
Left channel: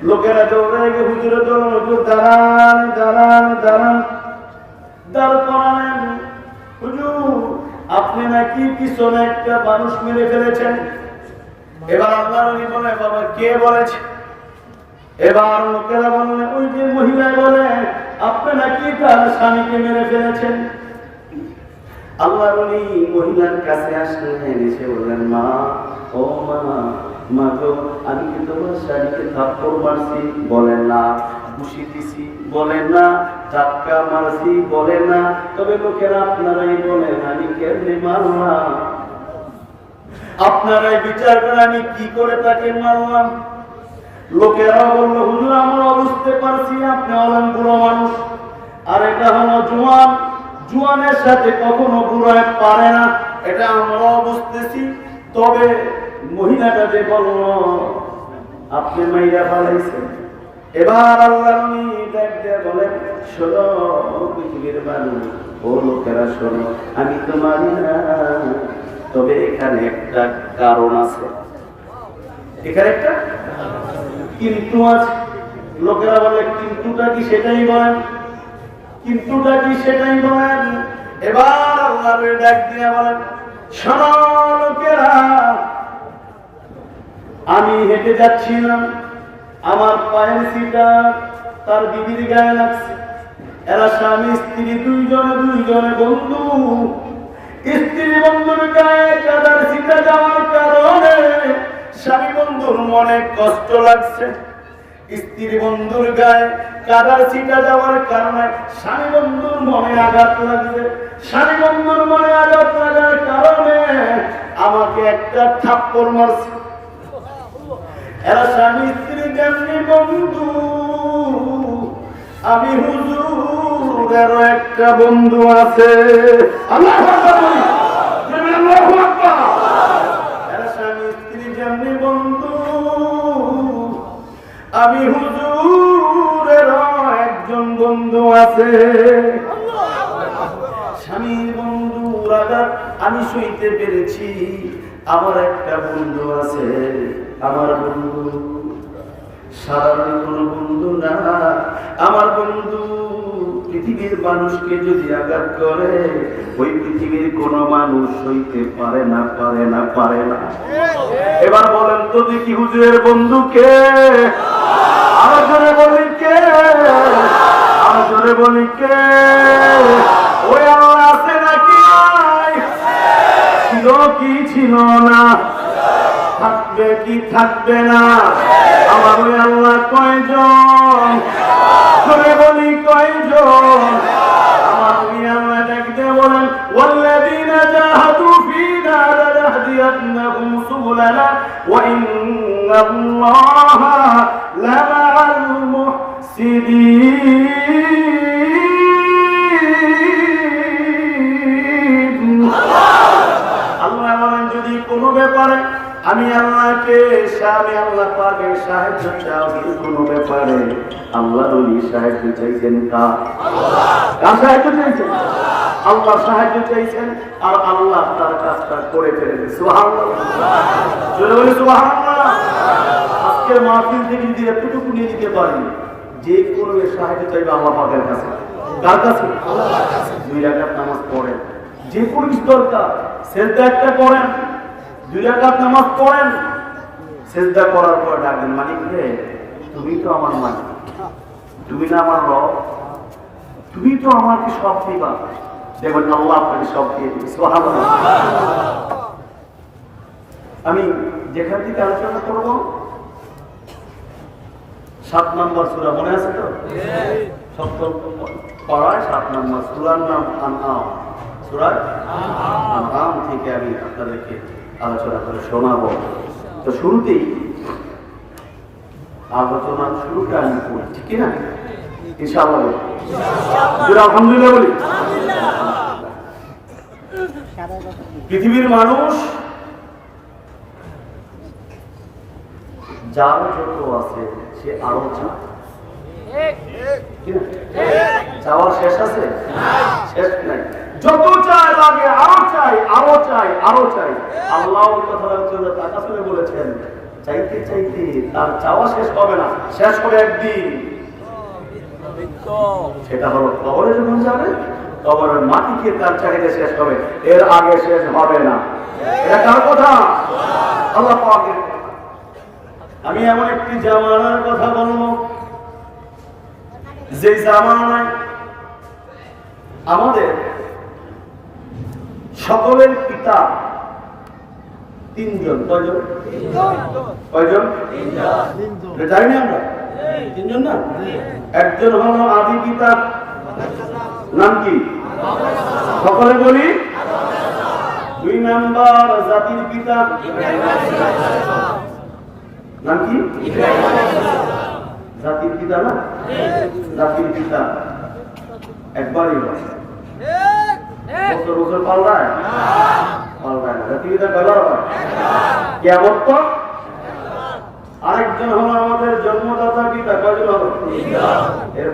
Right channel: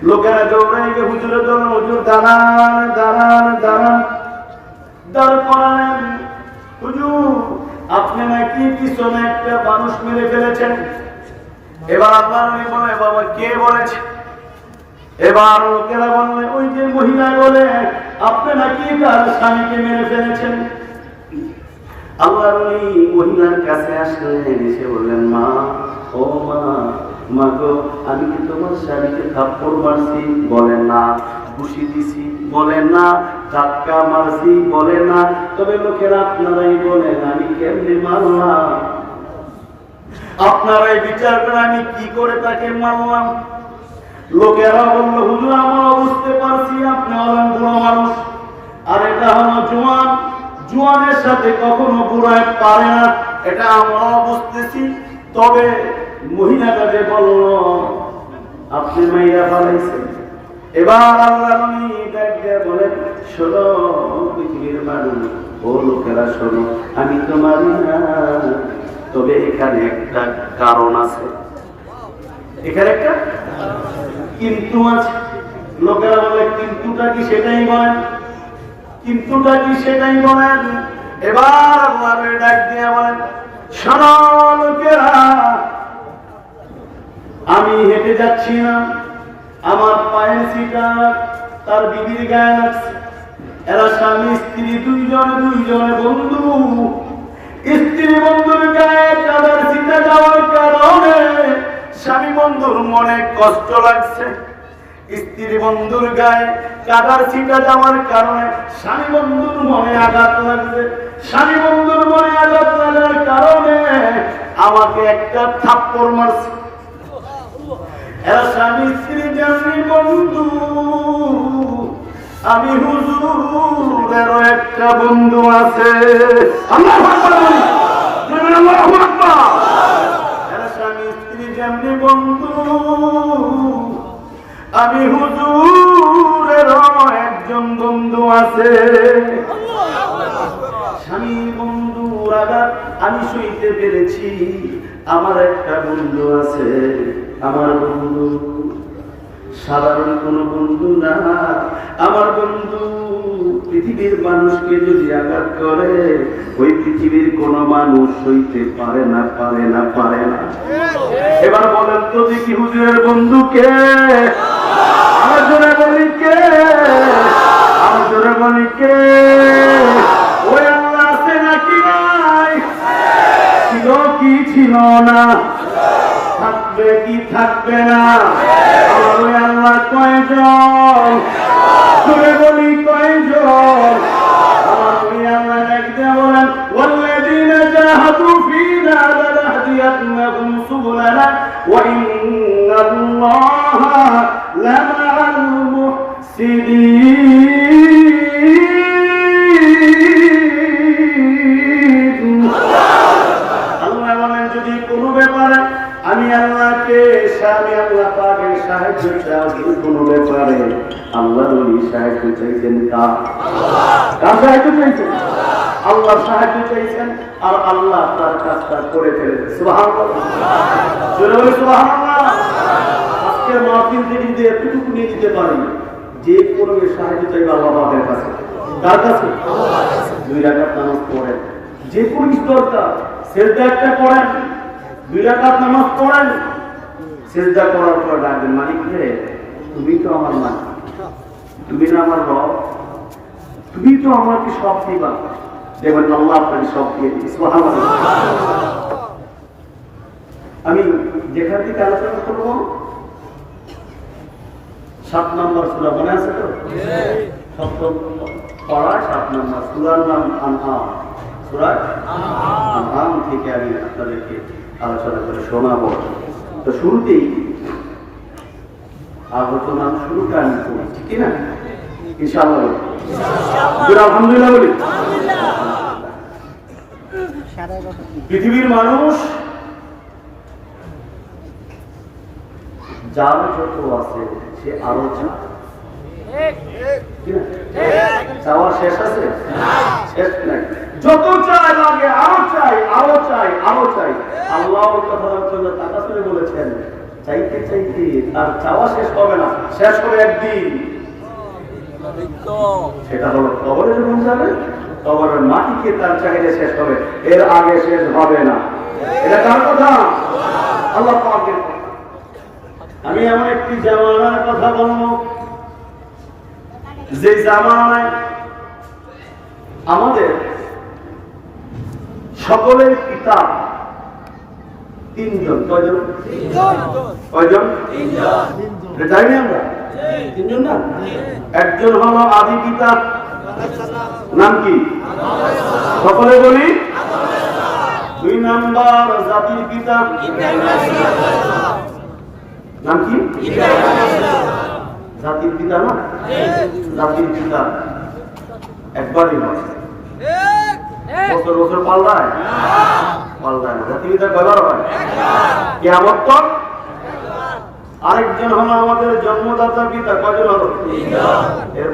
লোকেরা দৌড়াই গিয়ে হুজুরে দৌড়ান, হুজুর দাঁড়ান দাঁড়ান দাঁড়ান, দাঁড় করালেন। হুজুর আপনি নাকি পিছনে একটা মানুষ মেরে ফেলেছেন। এবার আপনার উনি বলে বাবা কে বলেছে? এবার লোকেরা বললেন ওই যে মহিলা বলে আপনি নাকি তার স্বামীকে মেরে ফেলেছেন। আল্লাহর ওলি মহিলার কাছে আসলেন, এসে বললেন মা, ও মা, মা গো আমি কি তোমার স্বামীকে থাপ্পড় মারছি? বলেন না। ঘুষি দিছি? বলেন না। ধাক্কা মারছি? বলেন না। তবে লোকেরা আপনারাই বলেন আমি কেমনে মারলাম, আপনারাই বিচার করে আমি কি করে তাকে মারলাম। লোকেরা বলল হুজুর আমরা বুঝতে পারছি আপনি হলেন বুড়ো মানুষ, আর এটা হলো জোয়ান, জোয়ানের সাথে কখনো বুড়ায় পারে না, এটা আমরাও বুঝতেছি। তবে মহিলাটা যে বলল আপনি মাইরা ফেলাইছেন। এবার আল্লাহ নবী ডাক দিয়ে বলেন শোনো পৃথিবীর মানুষ, ও লোকেরা শোনো, আমি তো মারি না, তবে এখানে একটা কারণ আছে, এখানে একটা কিন্তু আছে। লোকেরা বলে কিন্তুটা কি সেটাই বলেন, কিন্তুটা কি সেটাই বলেন। এবার আল্লাহ ডাক দিয়ে বলেন শোনো লোকেরা, আমি হেঁটে যাচ্ছি না, আমার পায়ের ছিটা তার বিবির গায়ে লাগছে। এরা স্বামী স্ত্রী দুইজনে বন্ধু, স্ত্রী বন্ধুর গায়ে কাদার ছিটা যাওয়ার কারণে স্বামী বন্ধুর মনে কষ্ট লাগছে। স্ত্রী বন্ধুর গায়ে কাদার ছিটা যাওয়ার কারণে স্বামী বন্ধুর মনে আঘাত লাগবে। স্বামী বন্ধুর মনে আঘাত লাগার কারণে আমাকে একটা থাপ্পড় মারছে। এরা স্বামী স্ত্রী কেমনি বন্ধু, আমি হুজুরেরও একটা বন্ধু আছে। আল্লাহু আকবার বলি, আল্লাহু আকবার। এরা স্বামী স্ত্রী কেমনি বন্ধু, আমি হুজুরেরও একজন বন্ধু আছে। স্বামী বন্ধুর আঘাত আমি সইতে পেরেছি, আমার একটা বন্ধু আছে। আমার বন্ধু সাধারণ কোন বন্ধু না, আমার বন্ধু পৃথিবীর মানুষকে যদি আঘাত করে ওই পৃথিবীর কোন মানুষ সইতে পারে না, পারে না, পারে না। এবার বলেন তো দেখি হুজুরের বন্ধু কে? আমার জোরে বলি কে? আমার জোরে বলি কে? ওই আল্লাহ আছে নাকি নাই? ছিল কি ছিল না? থাকবে কি থাকবে না? আমার ওই আল্লাহ কয়জন? জোরে বলি কয়জন? আমার ওই আল্লাহ দেখতে বলেন ওয়াল্লাযীনা জাহাদু ফীনা লানাহদিয়ান্নাহুম সুবুলানা ওয়া ইন্নাল্লাহা লামাআল মুহসিনিন। আল্লাহ বলেন যদি কোনো ব্যাপারে আমি আল্লাহকে আমি আল্লাহ পাকের সাহায্য চাই, কোনো ব্যাপারে আল্লাহর ওই সাহায্য চাইছেন। কার সাহায্য চাইছেন? আল্লাহ সাহায্য চাইছেন আর আল্লাহ তার কাজটা করে ফেলেছে। সুবহানাল্লাহ, জোরে বলি সুবহানাল্লাহ। আজকের মাহফিল থেকে যদি এতটুকু নিয়ে নিতে পারি, যে কোনো সাহায্য চাইবে আল্লাহ পাকের কাছে। কার কাছে? দুই রাকাত নামাজ পড়েন, যে কোনো কিছু দরকার সেজদা একটা করেন, দুই রাকাত নামাজ পড়েন, সেজদা করার পর ডাকবেন মালিক রে, তুমি তো আমার মালিক, তুমি না আমার রব, তুমি তো আমাকে সব দিবা। দেখবেন আল্লাহ আপনাকে সব দিয়ে দিবে। সুবহানাল্লাহ। আমি যেখান থেকে আলোচনা করব 7 নম্বর সূরা, মনে আছে তো? সপ্তম পারা 7 নম্বর সূরার নাম আনআম। সূরা আনআম থেকে আমি আপনাদেরকে আলোচনা করে শোনাবো। তো শুরুতেই আলোচনা শুরুটা আমি করি, ঠিক না? ইনশাআল্লাহ আলহামদুলিল্লাহ বলি। পৃথিবীর মানুষ যার যত আছে সে আরো চায়, চাওয়ার শেষ আছে? শেষ নাই। যত চাই লাগে আরো চাই, আরো চাই, আরো চাই। আল্লাহ কথা শুনে বলেছেন চাইতে চাইতে তার চাওয়া শেষ হবে না, শেষ হবে একদিন। সেটা হলো কবরে যখন যাবে, কবরের মাটিকে তার চাহিদা শেষ হবে, এর আগে শেষ হবে না। এটা কার কথা? আল্লাহ পাকের। আমি এমন একটি জামানার কথা বলবো যে জামানায় আমাদের সকলের পিতা 3 জন। কয়জন? কয়জন? জানি না আমরা 3 জন না? একজন হলো আদি পিতা, নাম কি? সকলে বলি। 2 নাম্বার জাতির পিতা, নাম কি? জাতির পিতা না? জাতির পিতা একবারই হয়, বছর বছর পাল্লায় পাল্লায় না। জাতির পিতা কয়বার হয়? কিয়ামত তক। আরেকজন হলো আমাদের জন্মদাতা পিতা, কয়জন হলো? এর